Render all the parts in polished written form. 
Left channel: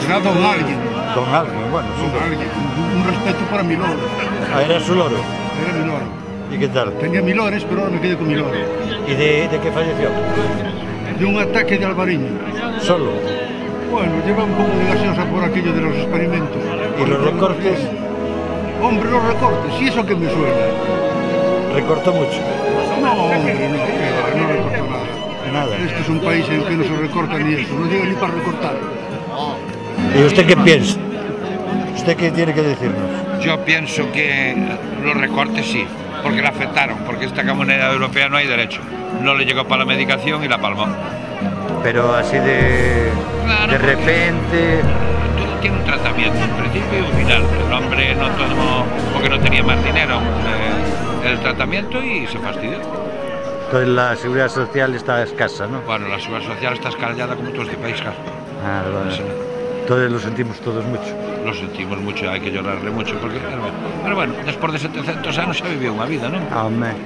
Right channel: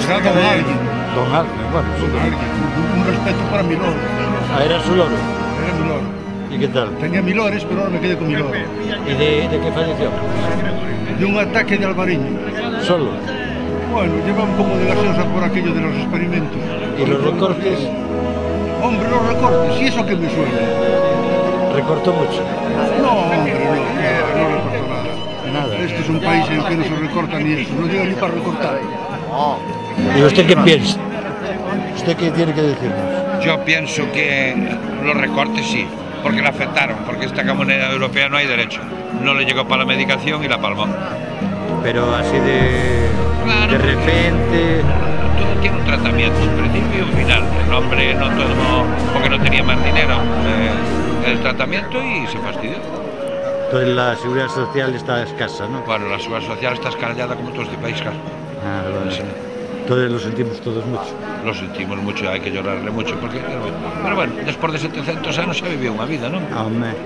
Será don alguien. Don alguien, bueno. Don alguien. Un respeto para mi loro. Ah, era su loro. Era mi loro. ¿Y qué tal? Tenía mi lores, pero ahora me quedé con mi loro. ¿Y de qué falleció? De un ataque de albariño. ¿Solo? Bueno, lleva un poco de gaseosa por aquello de los experimentos. ¿Y los recortes? Hombre, los recortes, sí, eso que me suena. ¿Recortó mucho? No, hombre, no recortó nada. Nada. Este es un país en el que no se recorta ni eso, no llega ni para recortar. ¿Y usted qué piensa? ¿Usted qué tiene que decirnos? Yo pienso que los recortes sí, porque le afectaron, porque esta comunidad europea no hay derecho. No le llegó para la medicación y la palmó. Pero así de repente... Todo tiene un tratamiento, un principio y un final. El hombre no tomó porque no tenía más dinero el tratamiento y se fastidió. Entonces la seguridad social está escasa, ¿no? Bueno, la seguridad social está escalada como todos los países. Ah, vale. Sí. Entonces lo sentimos todos mucho. Lo sentimos mucho, hay que llorarle mucho, porque... Pero bueno, después de 700 años se vivió una vida, ¿no? Amén.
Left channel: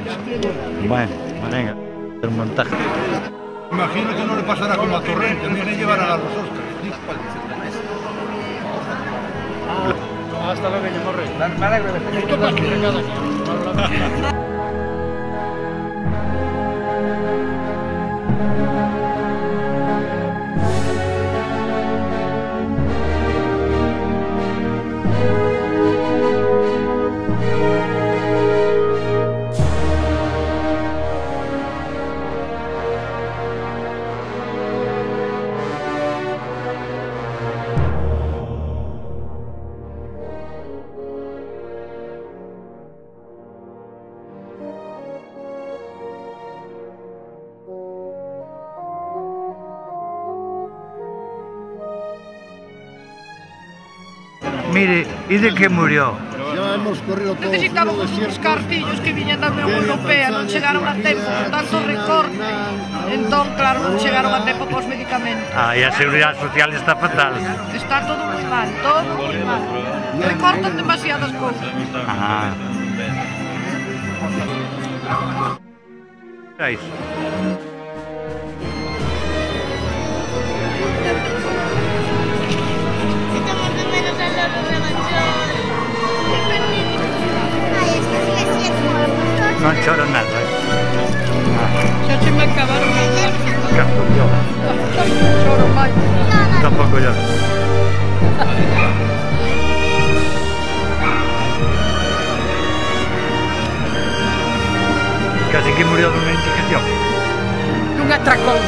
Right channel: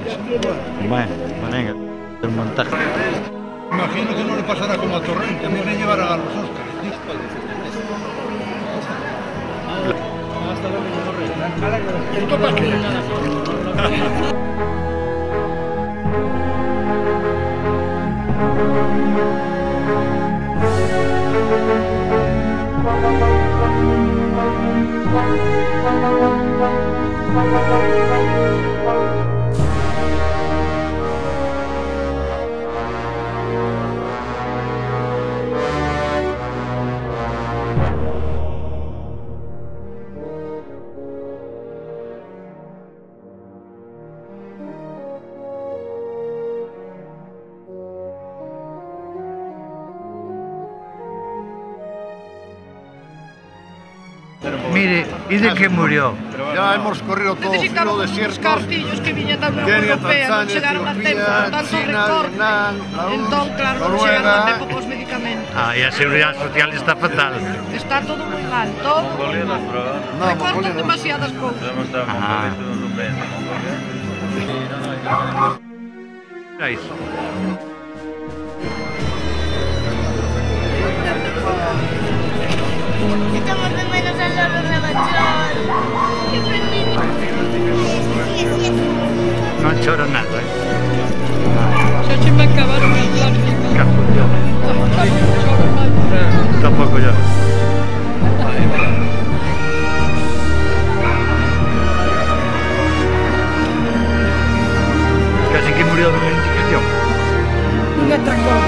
Bueno, venga, el montaje. Imagino que no le pasará como a Torrente, a mí me llevarán a los Óscares. Hasta luego, ¿Esto para qué? Mire, ¿y de qué murió? Ya hemos corrido todo. Necesitábamos uns cartillos que viñan da Unión Europea, non chegaron a tempo, con tanto recorte. Entón, claro, non chegaron a tempo cos medicamentos. Ah, e a seguridade social está fatal. Está todo moi mal, todo moi mal. Recortan demasiadas cousas. Ah. É iso. Estamos de menos al loro rebachón. ¡Qué perdido! Non choro nada, Xa se me acabaron as lágrimas. Caso yo. Choro máis. Tampouco yo. Casi que murió dunha indicación. Un atracón.